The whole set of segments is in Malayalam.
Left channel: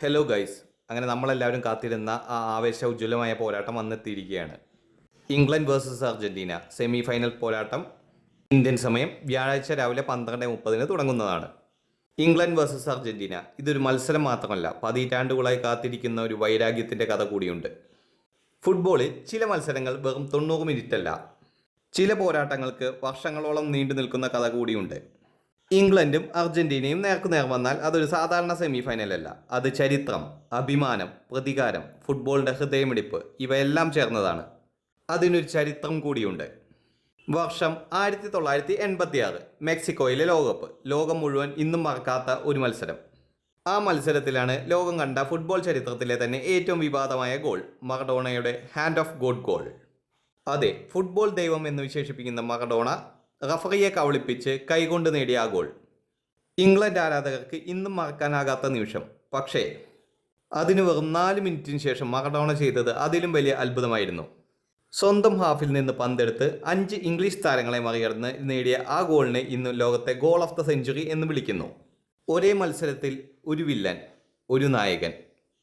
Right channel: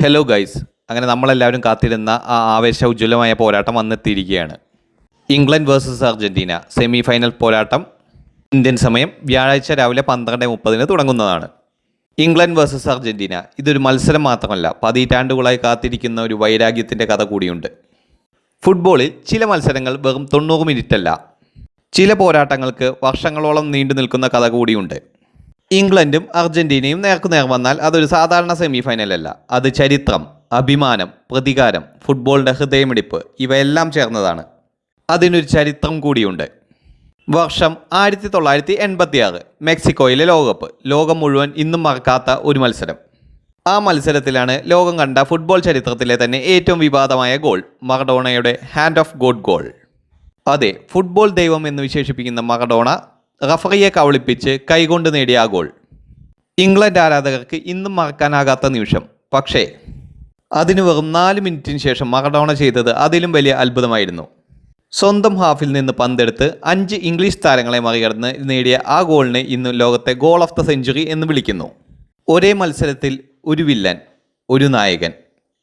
ഹലോ ഗൈസ്, അങ്ങനെ നമ്മളെല്ലാവരും കാത്തിരുന്ന ആ ആവേശോജ്വലമായ പോരാട്ടം വന്നെത്തിയിരിക്കുകയാണ്. England versus Argentina semi final പോരാട്ടം ഇന്ത്യൻ സമയം വ്യാഴാഴ്ച രാവിലെ 12:30 തുടങ്ങുന്നതാണ്. ഇംഗ്ലണ്ട് വേഴ്സസ് അർജൻറ്റീന ഇതൊരു മത്സരം മാത്രമല്ല, പതിറ്റാണ്ടുകളായി കാത്തിരിക്കുന്ന ഒരു വൈരാഗ്യത്തിൻ്റെ കഥ കൂടിയുണ്ട്. ഫുട്ബോളിൽ ചില മത്സരങ്ങൾ വെറും 90 മിനിറ്റല്ല, ചില പോരാട്ടങ്ങൾക്ക് വർഷങ്ങളോളം നീണ്ടു നിൽക്കുന്ന കഥ കൂടിയുണ്ട്. ഇംഗ്ലണ്ടും അർജൻറ്റീനയും നേർക്കുനേർ വന്നാൽ അതൊരു സാധാരണ സെമി ഫൈനലല്ല, അത് ചരിത്രം, അഭിമാനം, പ്രതികാരം, ഫുട്ബോളിൻ്റെ ഹൃദയമിടിപ്പ് ഇവയെല്ലാം ചേർന്നതാണ്. അതിനൊരു ചരിത്രം കൂടിയുണ്ട്. വർഷം 1986, മെക്സിക്കോയിലെ ലോകകപ്പ്. ലോകം മുഴുവൻ ഇന്നും മറക്കാത്ത ഒരു മത്സരം. ആ മത്സരത്തിലാണ് ലോകം കണ്ട ഫുട്ബോൾ ചരിത്രത്തിലെ തന്നെ ഏറ്റവും വിവാദമായ ഗോൾ, മറഡോണയുടെ ഹാൻഡ് ഓഫ് ഗോഡ് ഗോൾ. അതെ, ഫുട്ബോൾ ദൈവം എന്ന് വിശേഷിപ്പിക്കുന്ന മറഡോണ റഫറിയെ കവളിപ്പിച്ച് കൈകൊണ്ട് നേടിയ ആ ഗോൾ ഇംഗ്ലണ്ട് ആരാധകർക്ക് ഇന്നും മറക്കാനാകാത്ത നിമിഷം. പക്ഷേ അതിന് വെറും 4 മിനിറ്റിന് ശേഷം മറഡോണ ചെയ്തത് അതിലും വലിയ അത്ഭുതമായിരുന്നു. സ്വന്തം ഹാഫിൽ നിന്ന് പന്തെടുത്ത് 5 ഇംഗ്ലീഷ് താരങ്ങളെ മറികടന്ന് നേടിയ ആ ഗോളിനെ ഇന്ന് ലോകത്തെ ഗോൾ ഓഫ് ദ സെഞ്ചുറി എന്ന് വിളിക്കുന്നു. ഒരേ മത്സരത്തിൽ ഒരു വില്ലൻ, ഒരു നായകൻ,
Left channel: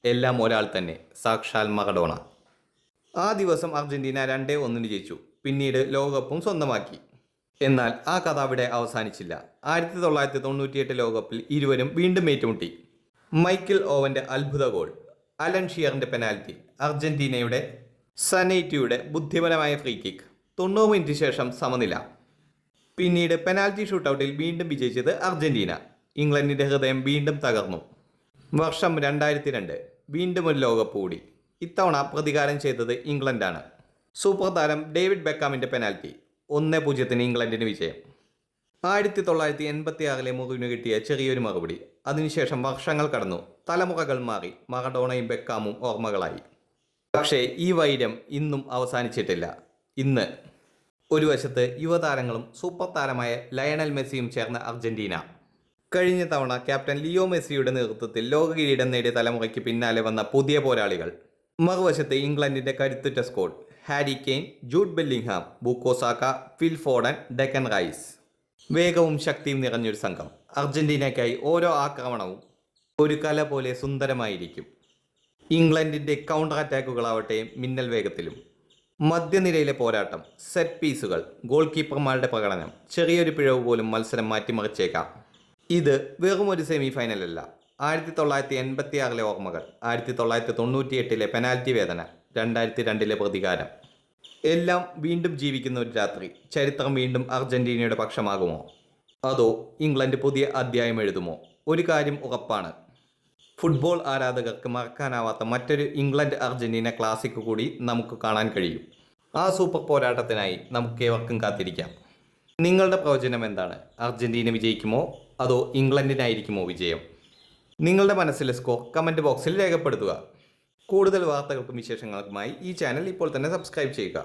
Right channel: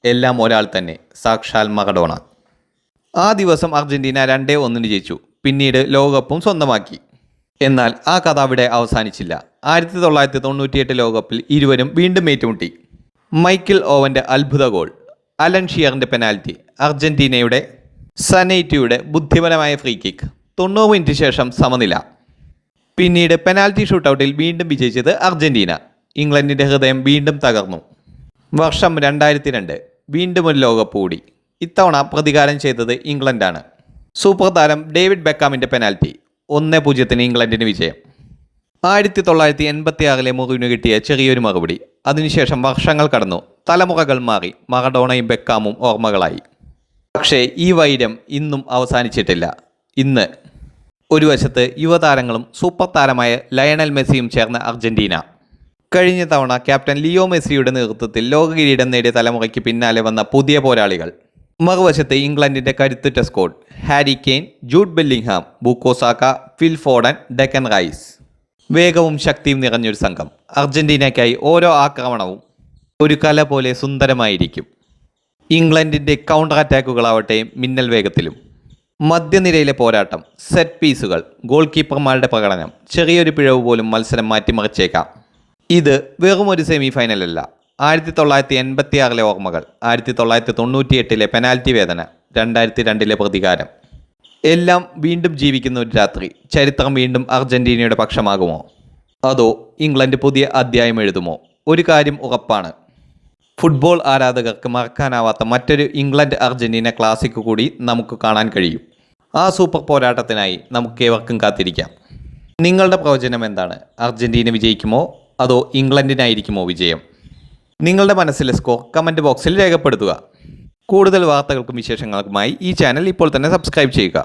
എല്ലാം ഒരാൾ തന്നെ, സാക്ഷാൽ മറഡോണ. ആ ദിവസം അർജൻറ്റീന 2-1 ജയിച്ചു, പിന്നീട് ലോകകപ്പും സ്വന്തമാക്കി. എന്നാൽ ആ കഥ അവിടെ അവസാനിച്ചില്ല. 1998 ലോകകപ്പിൽ ഇരുവരും വീണ്ടും ഏറ്റുമുട്ടി. മൈക്കിൾ ഓവൻ്റെ അത്ഭുത ഗോൾ, അലൻ ഷിയറിൻ്റെ പെനാൽറ്റി, അർജൻറ്റീനയുടെ സനൈറ്റിയുടെ ബുദ്ധിപരമായ ഫ്രീ കിക്ക്, 90 മിനിറ്റ് ശേഷം സമനില. പിന്നീട് പെനാൽറ്റി ഷൂട്ടൗട്ടിൽ വീണ്ടും വിജയിച്ചത് അർജൻറ്റീന. ഇംഗ്ലണ്ടിൻ്റെ ഹൃദയം വീണ്ടും തകർന്നു. വർഷം 2002, വീണ്ടും ഒരു ലോകകപ്പ് കൂടി. ഇത്തവണ പ്രതികാരം ചെയ്തത് ഇംഗ്ലണ്ടാണ്. സൂപ്പർ താരം ഡേവിഡ് ബെക്കാമിൻ്റെ പെനാൽറ്റി, 1-0 ഇംഗ്ലണ്ടിന് വിജയം. 1986 മുറിവിന് കിട്ടിയ ചെറിയൊരു മറുപടി. അതിനുശേഷം വർഷങ്ങൾ കടന്നു, തലമുറകൾ മാറി, മറഡോണയും ബെക്കാമും ഓർമ്മകളായി. പക്ഷേ ഈ വൈരം ഇന്നും അവസാനിച്ചിട്ടില്ല. ഇന്ന് ഒരു വശത്ത് യുവതാരങ്ങളും സൂപ്പർ താരമായ ലയണൽ മെസ്സിയും ചേർന്ന അർജൻറ്റീന. കഴിഞ്ഞ തവണ ക്യാപ്റ്റൻ ലിയോ മെസ്സിയുടെ നേതൃത്വത്തിൽ ലോക കിരീടം നേടിയ തലമുറയ്ക്ക് പിന്നാലെ വന്ന പുതിയ പോരാളികൾ. മറുവശത്ത് ഇംഗ്ലണ്ടിൻ്റെ കരുത്തുറ്റ squad, Harry Kane, Jude Bellingham, Bukayo Saka, Phil Foden, Declan Rice. വേഗവും ശക്തിയും നിറഞ്ഞൊരു സംഘം. അർജൻറ്റീനയ്ക്കായി ഓരോ ആക്രമണവും ഒരു കല പോലെ സുന്ദരമായിരിക്കും. ഇംഗ്ലണ്ടിൻ്റെ കൗണ്ടർ അറ്റാക്കുകളാവട്ടെ മിന്നൽ വേഗത്തിലും. മധ്യനിരയിലെ പോരാട്ടം, സെറ്റ് പീസുകൾ, ഗോൾ കീപ്പർമാരുടെ പ്രകടനം, ചെറിയൊരു പിഴവ് പോലും മത്സരം മാറ്റിമറിച്ചേക്കാം. ഇത് വെറും ഒരു സെമി ഫൈനലല്ല. 1986 ഓർമ്മകൾ, 1998 പെനാൽറ്റി വേദന, 2002 പ്രതികാരം, എല്ലാം വീണ്ടും ജീവിക്കുന്ന ഒരു രാത്രി. ചരിത്രം വീണ്ടും അർജൻറ്റീനയുടെ പക്ഷമാകുമോ, അതോ ഇംഗ്ലണ്ട് പുതിയ അധ്യായം എഴുതുമോ? ഒരു കാര്യം ഉറപ്പാണ്, ഫുട്ബോൾ ആരാധകർക്ക് മറക്കാനാവാത്ത മറ്റൊരു ഇംഗ്ലണ്ട് അർജൻറ്റീന ക്ലാസിക് കൂടി നമുക്ക് കാണാൻ കഴിയും. ആ സൂപ്പർ പോരാട്ടത്തിനായി നമുക്കേവർക്കും കാത്തിരിക്കാം. നിങ്ങളുടെ പ്രവചനം എന്താണ്? അർജൻറ്റീന വിജയിക്കുമോ അതോ ഇംഗ്ലണ്ടിനായിരിക്കുമോ വിജയം? നിങ്ങളുടെ മനസ്സിലെ സ്കോർ കമൻറ്റ് ബോക്സിൽ രേഖപ്പെടുത്തുക. കൂടുതൽ വാർത്തകൾക്കും വിശേഷങ്ങൾക്കുമായി ഈ ചാനൽ ഇപ്പോൾ തന്നെ സബ്സ്ക്രൈബ് ചെയ്യുക.